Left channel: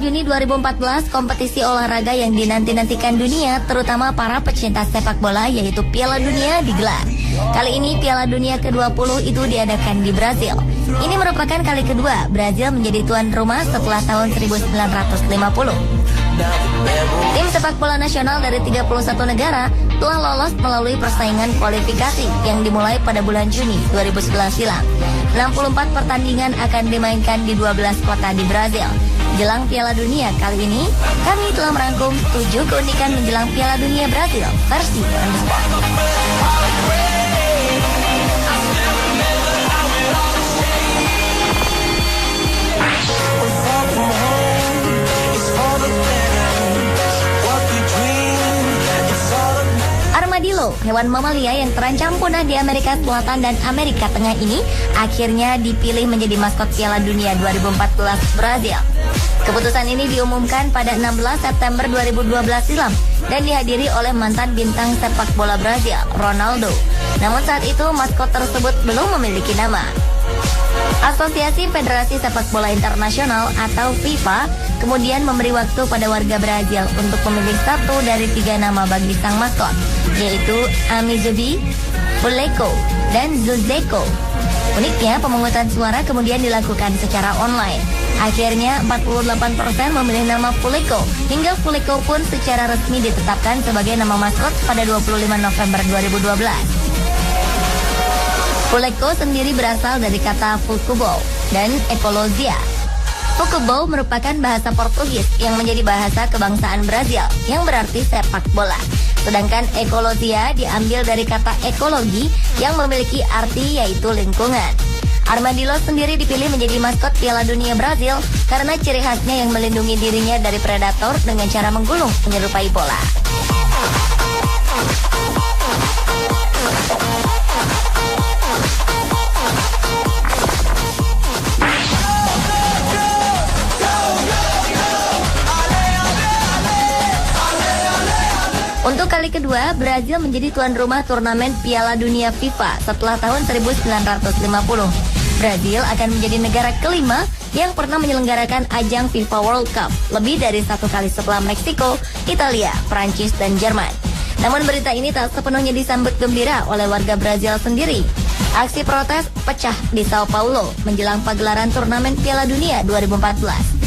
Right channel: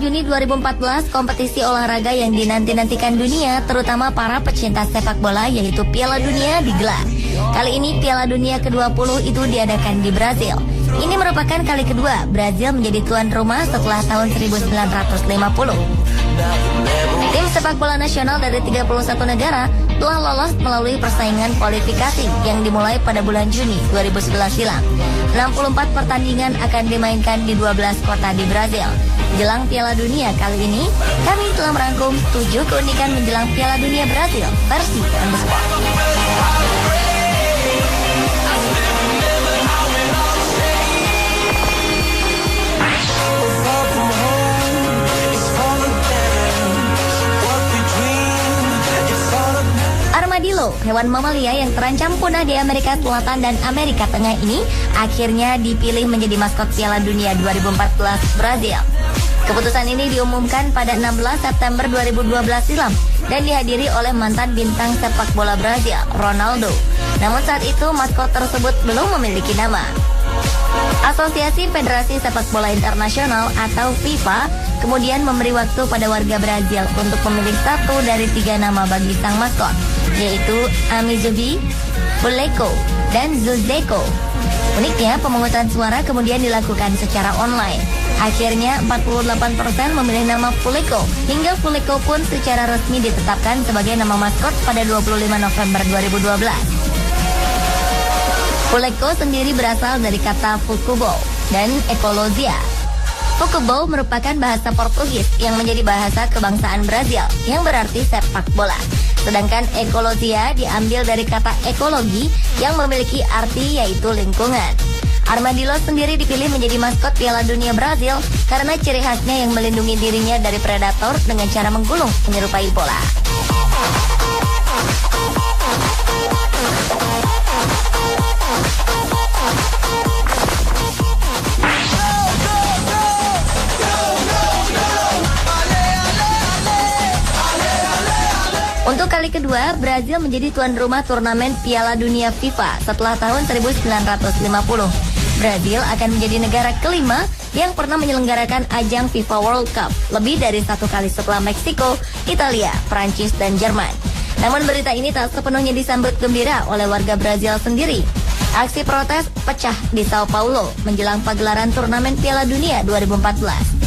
Juni 2014, kompetisi olahraga yang dinanti-nantikan dunia, terutama para pecinta sepak bola, yaitu Piala Dunia digelar. Kali ini Piala Dunia ke-20 itu diadakan di Brazil. Ini merupakan kali kedua Brazil menjadi tuan rumah setelah tahun 1950. Tim sepak bola nasional dari 31 negara telah lolos melalui persaingan kualifikasi yang dimulai pada bulan Juni 2011 silam. 64 pertandingan akan dimainkan di 12 kota di Brazil. Jelang Piala Dunia kali ini, kami telah merangkum 7 keunikan menjelang Piala Dunia Brazil versi Armadillo, hewan mamalia yang terancam punah di Amerika Selatan dan Amerika Tengah ini akhirnya dipilih menjadi maskot Piala Dunia 2014 Brazil. Keputusan ini diumumkan pada 16 September 2012 silam dan dihadiri oleh mantan bintang sepak bola Brazil, Ronaldo. Namun saat itu maskot tersebut belum memiliki nama. Asosiasi Federasi Sepak Bola Internasional atau FIFA kemudian memberi waktu pada warga Brazil untuk memilih satu dari 3 nama bagi sang maskot, yaitu Amizabi, Boleco, dan Zuzeco. Uniknya, pemungutan suara kemudian dilakukan secara online. Akhirnya 48% memilih nama Boleco, hingga Boleco pun secara resmi ditetapkan sebagai nama maskot pada 25 November 2012. Boleco sendiri berasal dari kata Futebol dan Ekologia. Futebol merupakan bahasa Portugis yang menjadi bahasa kebangsaan Brazil yang berarti sepak bola. Sedangkan ekologia diambil dari kata ekologi yang memiliki arti yaitu lingkungan. Armadillo sendiri dipilih menjadi maskot Piala Dunia Brazil karena ciri khasnya yang melindungi dirinya dari predator dengan cara menggulung menyerupai bola. Untuk kali kedua, Brazil menjadi tuan rumah turnamen Piala Dunia FIFA setelah tahun 1950. Brazil akan menjadi negara kelima yang pernah menyelenggarakan ajang FIFA World Cup, lebih dari 1 kali setelah Meksiko, Italia, Prancis, dan Jerman. Namun berita ini tak sepenuhnya disambut gembira oleh warga Brazil sendiri. Aksi protes pecah di Sao Paulo menjelang pagelaran turnamen Piala Dunia 2014.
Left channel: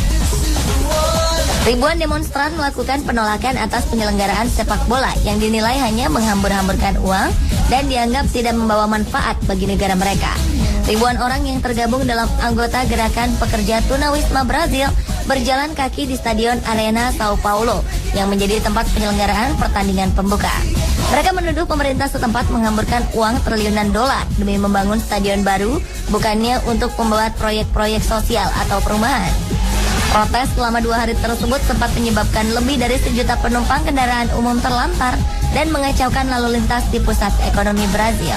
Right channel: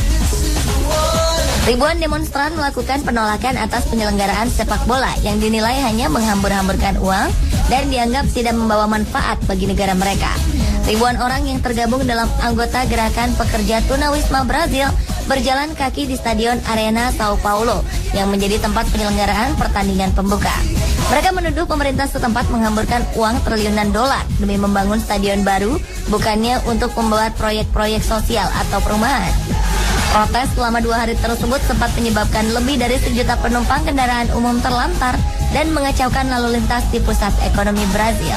Ribuan demonstran melakukan penolakan atas penyelenggaraan sepak bola yang dinilai hanya menghambur-hamburkan uang dan dianggap tidak membawa manfaat bagi negara mereka. Ribuan orang yang tergabung dalam anggota gerakan pekerja tunawisma Brazil berjalan kaki di Stadion Arena Sao Paulo yang menjadi tempat penyelenggaraan pertandingan pembuka. Mereka menuduh pemerintah setempat menghamburkan uang triliunan dolar demi membangun stadion baru, bukannya untuk membuat proyek-proyek sosial atau perumahan. Protes selama 2 hari tersebut sempat menyebabkan lebih dari 1 juta penumpang kendaraan umum terlantar dan mengacaukan lalu lintas di pusat ekonomi Brazil.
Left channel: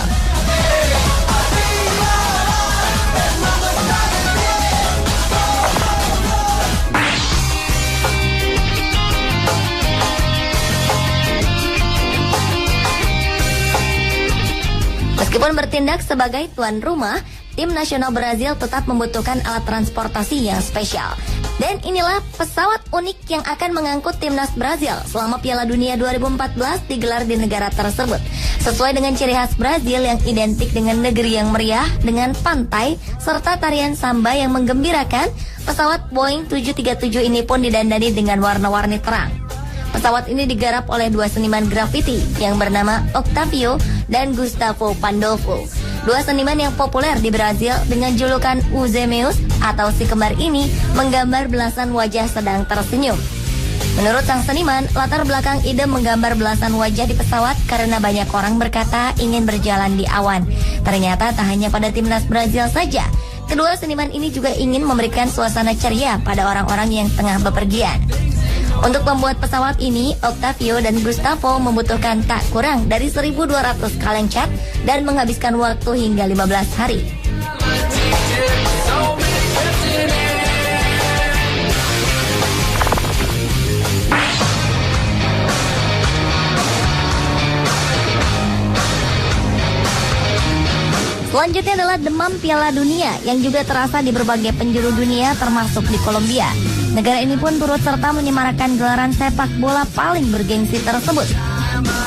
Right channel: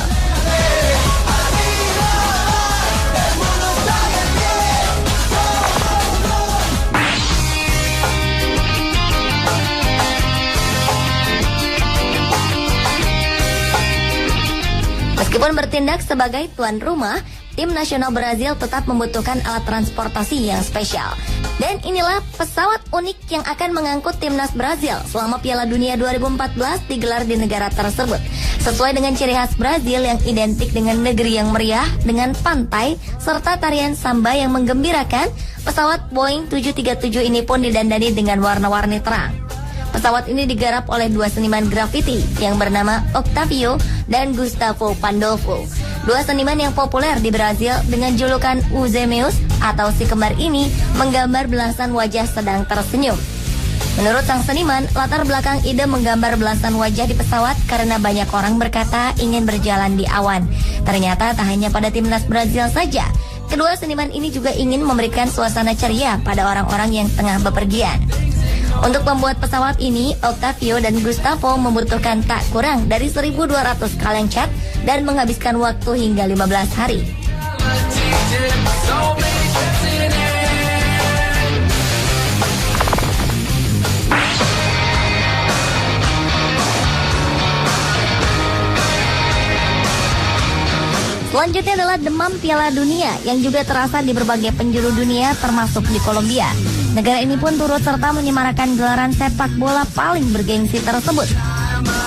Meskipun bertindak sebagai tuan rumah, tim nasional Brazil tetap membutuhkan alat transportasi yang spesial. Dan inilah pesawat unik yang akan mengangkut timnas Brazil selama Piala Dunia 2014 digelar di negara tersebut. Sesuai dengan ciri khas Brazil yang identik dengan negeri yang meriah, dengan pantai, serta tarian samba yang menggembirakan, pesawat Boeing 737 ini pun didandani dengan warna-warni terang. Pesawat ini digarap oleh 2 seniman grafiti yang bernama Octavio dan Gustavo Pandolfo. 2 seniman yang populer di Brazil dengan julukan Uzemeus atau si kembar ini menggambar belasan wajah sedang tersenyum. Menurut sang seniman, latar belakang ide menggambar belasan wajah di pesawat karena banyak orang berkata ingin berjalan di awan. Ternyata tak hanya pada timnas Brazil saja. Kedua seniman ini juga ingin memberikan suasana ceria pada orang-orang yang tengah bepergian. Untuk membuat pesawat ini, Octavio dan Gustavo membutuhkan tak kurang dari 1.200 kaleng cat dan menghabiskan waktu hingga 15 hari. Selanjutnya adalah demam Piala Dunia yang juga terasa di berbagai penjuru dunia termasuk di Kolombia. Negara ini pun turut serta menyemarakan gelaran sepak bola paling bergengsi tersebut.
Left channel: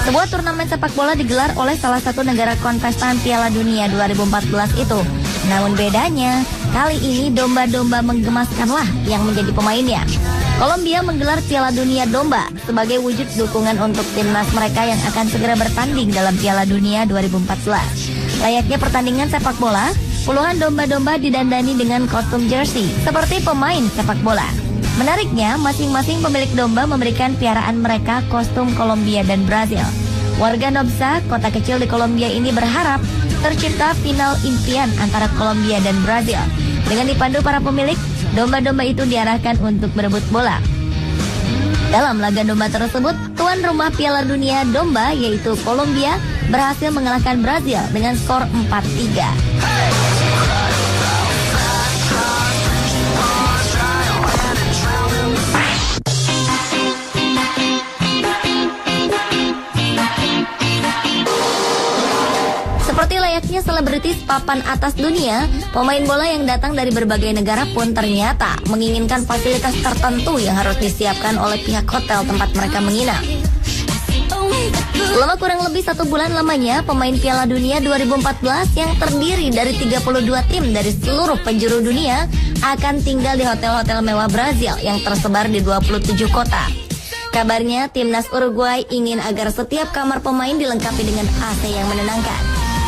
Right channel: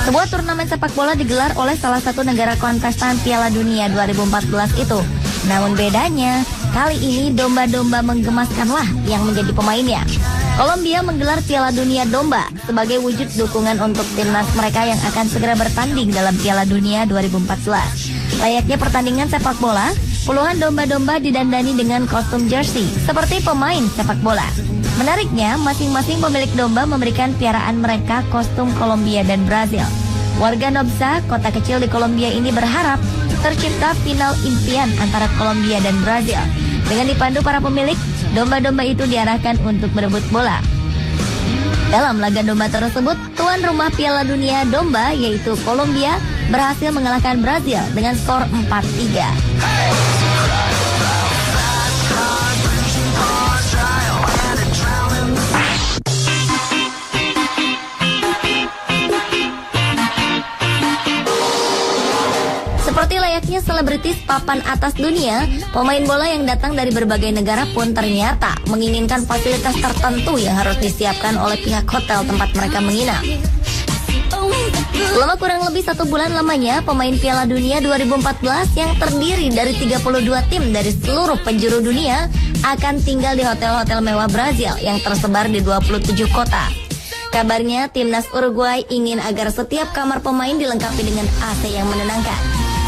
Sebuah turnamen sepak bola digelar oleh salah satu negara kontestan Piala Dunia 2014 itu. Namun bedanya, kali ini domba-domba menggemaskanlah yang menjadi pemainnya. Kolombia menggelar Piala Dunia Domba sebagai wujud dukungan untuk timnas mereka yang akan segera bertanding dalam Piala Dunia 2014. Layaknya pertandingan sepak bola, puluhan domba-domba didandani dengan kostum jersey seperti pemain sepak bola. Menariknya, masing-masing pemilik domba memberikan piaraan mereka kostum Kolombia dan Brazil. Warga Nobsa, kota kecil di Kolombia ini berharap tercipta final impian antara Kolombia dan Brazil. Dengan dipandu para pemilik, domba-domba itu diarahkan untuk berebut bola. Dalam laga domba tersebut, tuan rumah Piala Dunia Domba yaitu Kolombia berhasil mengalahkan Brazil dengan skor 4-3. Seperti layaknya selebritis papan atas dunia, pemain bola yang datang dari berbagai negara pun ternyata menginginkan fasilitas tertentu yang harus disiapkan oleh pihak hotel tempat mereka menginap. Selama kurang lebih 1 bulan lamanya, pemain Piala Dunia 2014 yang terdiri dari 32 tim dari seluruh penjuru dunia akan tinggal di hotel-hotel mewah Brazil yang tersebar di 27 kota. Kabarnya, timnas Uruguay ingin agar setiap kamar pemain dilengkapi dengan AC yang menenangkan.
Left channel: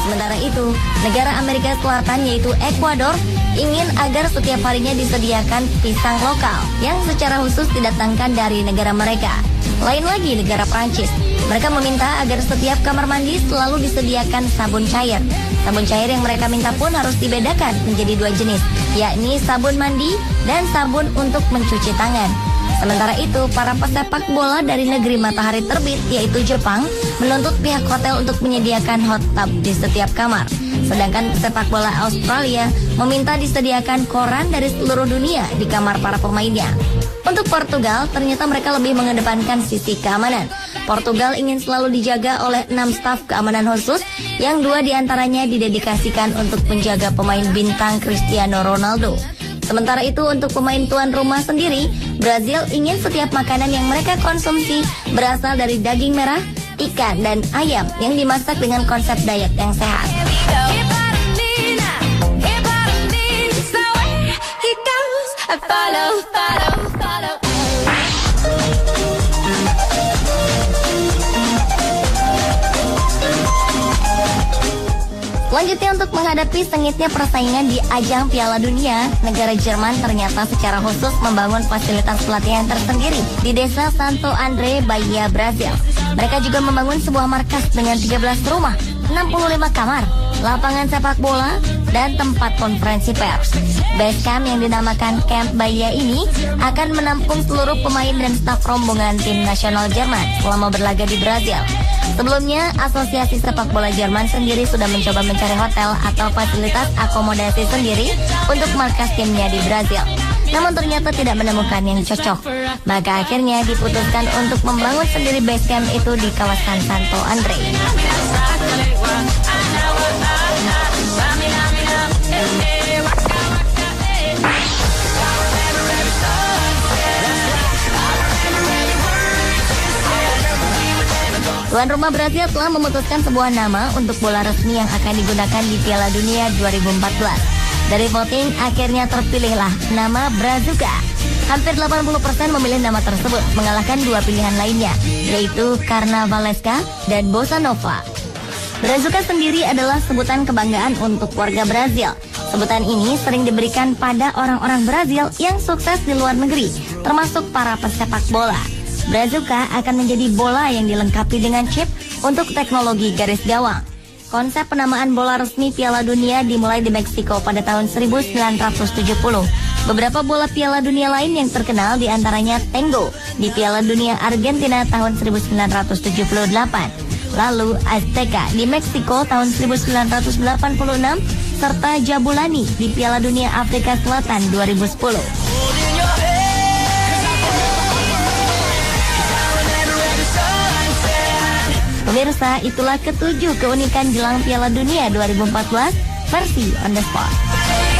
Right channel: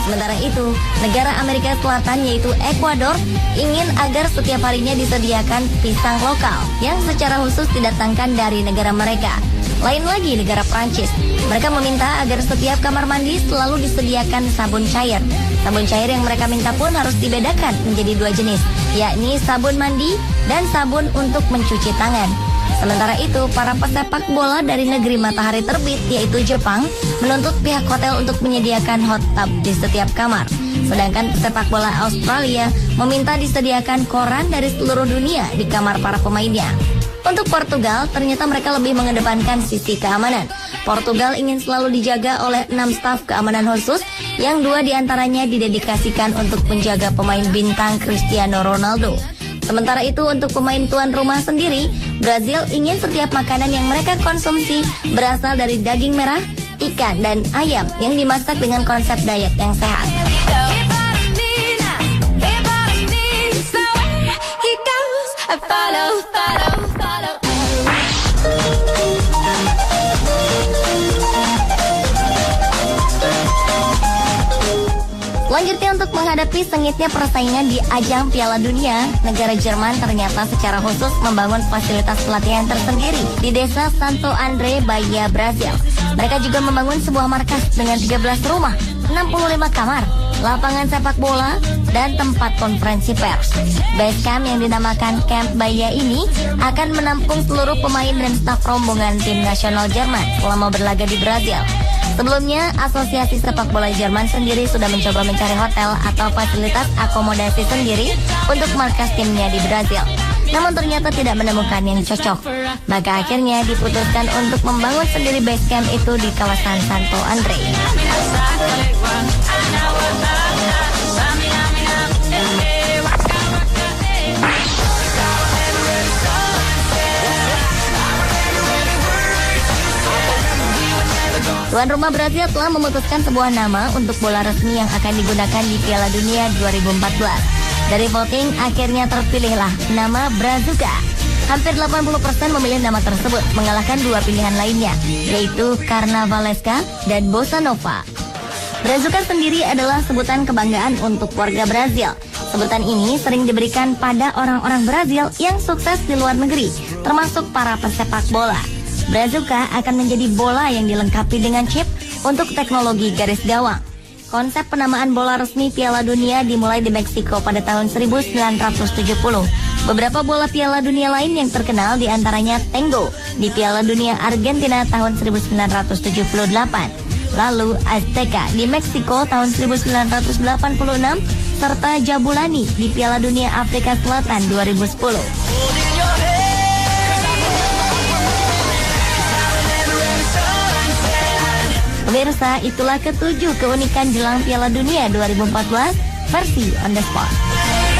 Sementara itu, negara Amerika Selatan yaitu Ekuador ingin agar setiap harinya disediakan pisang lokal yang secara khusus didatangkan dari negara mereka. Lain lagi negara Prancis, mereka meminta agar setiap kamar mandi selalu disediakan sabun cair. Sabun cair yang mereka minta pun harus dibedakan menjadi 2 jenis, yakni sabun mandi dan sabun untuk mencuci tangan. Sementara itu, para pesepak bola dari negeri matahari terbit yaitu Jepang menuntut pihak hotel untuk menyediakan hot tub di setiap kamar. Sedangkan pesepak bola Australia meminta disediakan koran dari seluruh dunia di kamar para pemainnya. Untuk Portugal, ternyata mereka lebih mengedepankan sisi keamanan. Portugal ingin selalu dijaga oleh 6 staf keamanan khusus yang 2 diantaranya didedikasikan untuk menjaga pemain bintang Cristiano Ronaldo. Sementara itu untuk pemain tuan rumah sendiri, Brazil ingin setiap makanan yang mereka konsumsi berasal dari daging merah, ikan, dan ayam yang dimasak dengan konsep diet yang sehat. Selanjutnya untuk menghadapi sengitnya persaingan di ajang Piala Dunia, negara Jerman ternyata secara khusus membangun fasilitas pelatihan tersendiri di desa Santo Andre, Bahia, Brazil. Mereka juga membangun sebuah markas dengan 13 rumah, 65 kamar, lapangan sepak bola, dan tempat konferensi pers. Base camp yang dinamakan Camp Bahia ini akan menampung seluruh pemain dan staf rombongan tim nasional Jerman selama berlaga di Brazil. Sebelumnya, Asosiasi Sepak Bola Jerman sendiri sudah mencoba mencari hotel atau fasilitas akomodasi sendiri untuk markas timnya di Brazil. Namun ternyata tidak menemukan yang cocok. Maka akhirnya diputuskan untuk membangun sendiri base camp itu di kawasan Santo Andre. Tuan rumah Brazil telah memutuskan sebuah nama untuk bola resmi yang akan digunakan di Piala Dunia 2014. Dari voting, akhirnya terpilihlah nama Brazuca. Hampir 80% memilih nama tersebut, mengalahkan 2 pilihan lainnya, yaitu Carnavalesca dan Bossa Nova. Brazuca sendiri adalah sebutan kebanggaan untuk warga Brazil. Sebutan ini sering diberikan pada orang-orang Brazil yang sukses di luar negeri, termasuk para pesepak bola. Brazuca akan menjadi bola yang dilengkapi dengan chip untuk teknologi garis gawang. Konsep penamaan bola resmi Piala Dunia dimulai di Meksiko pada tahun 1970. Beberapa bola Piala Dunia lain yang terkenal diantaranya Tango di Piala Dunia Argentina tahun 1978. Lalu Azteca di Meksiko tahun 1986 serta Jabulani di Piala Dunia Afrika Selatan 2010. Pemirsa, itulah ketujuh keunikan jelang Piala Dunia 2014 versi on the spot.